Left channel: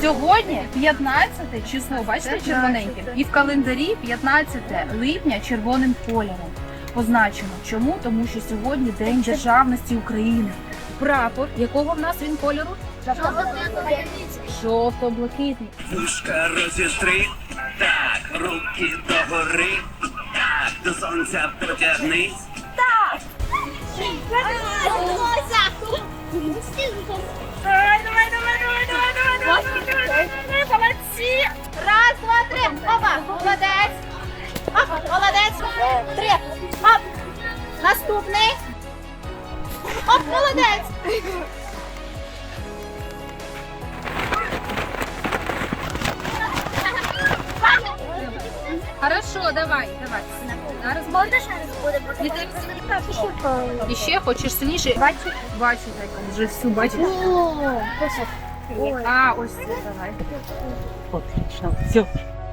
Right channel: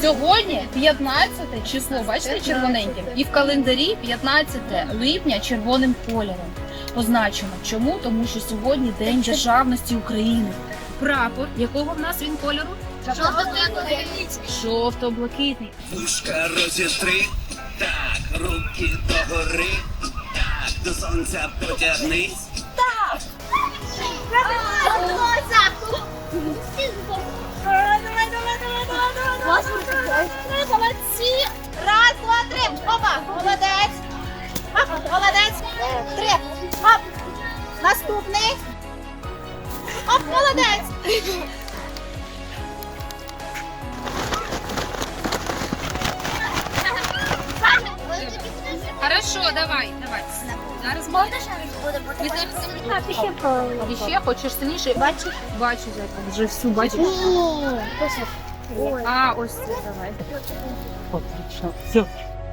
Сьогодні 15 число, бачите, червоненьке, і в календарі 15 липня червоним кольором. Позначено. Чому? Тому що сьогодні День Державності України. Прапор, якого в нас він кольору? Шовто-блакитний. Вишка Шовто розістри, так, руки та гори. До сонця потягни. Так, Модаць! Молодець! Наступний! Оп, молодець! Хорошо, давай! Піще бачу, Бачу, зайка, же всю бачить. А, ось все давай. Отлично. Все.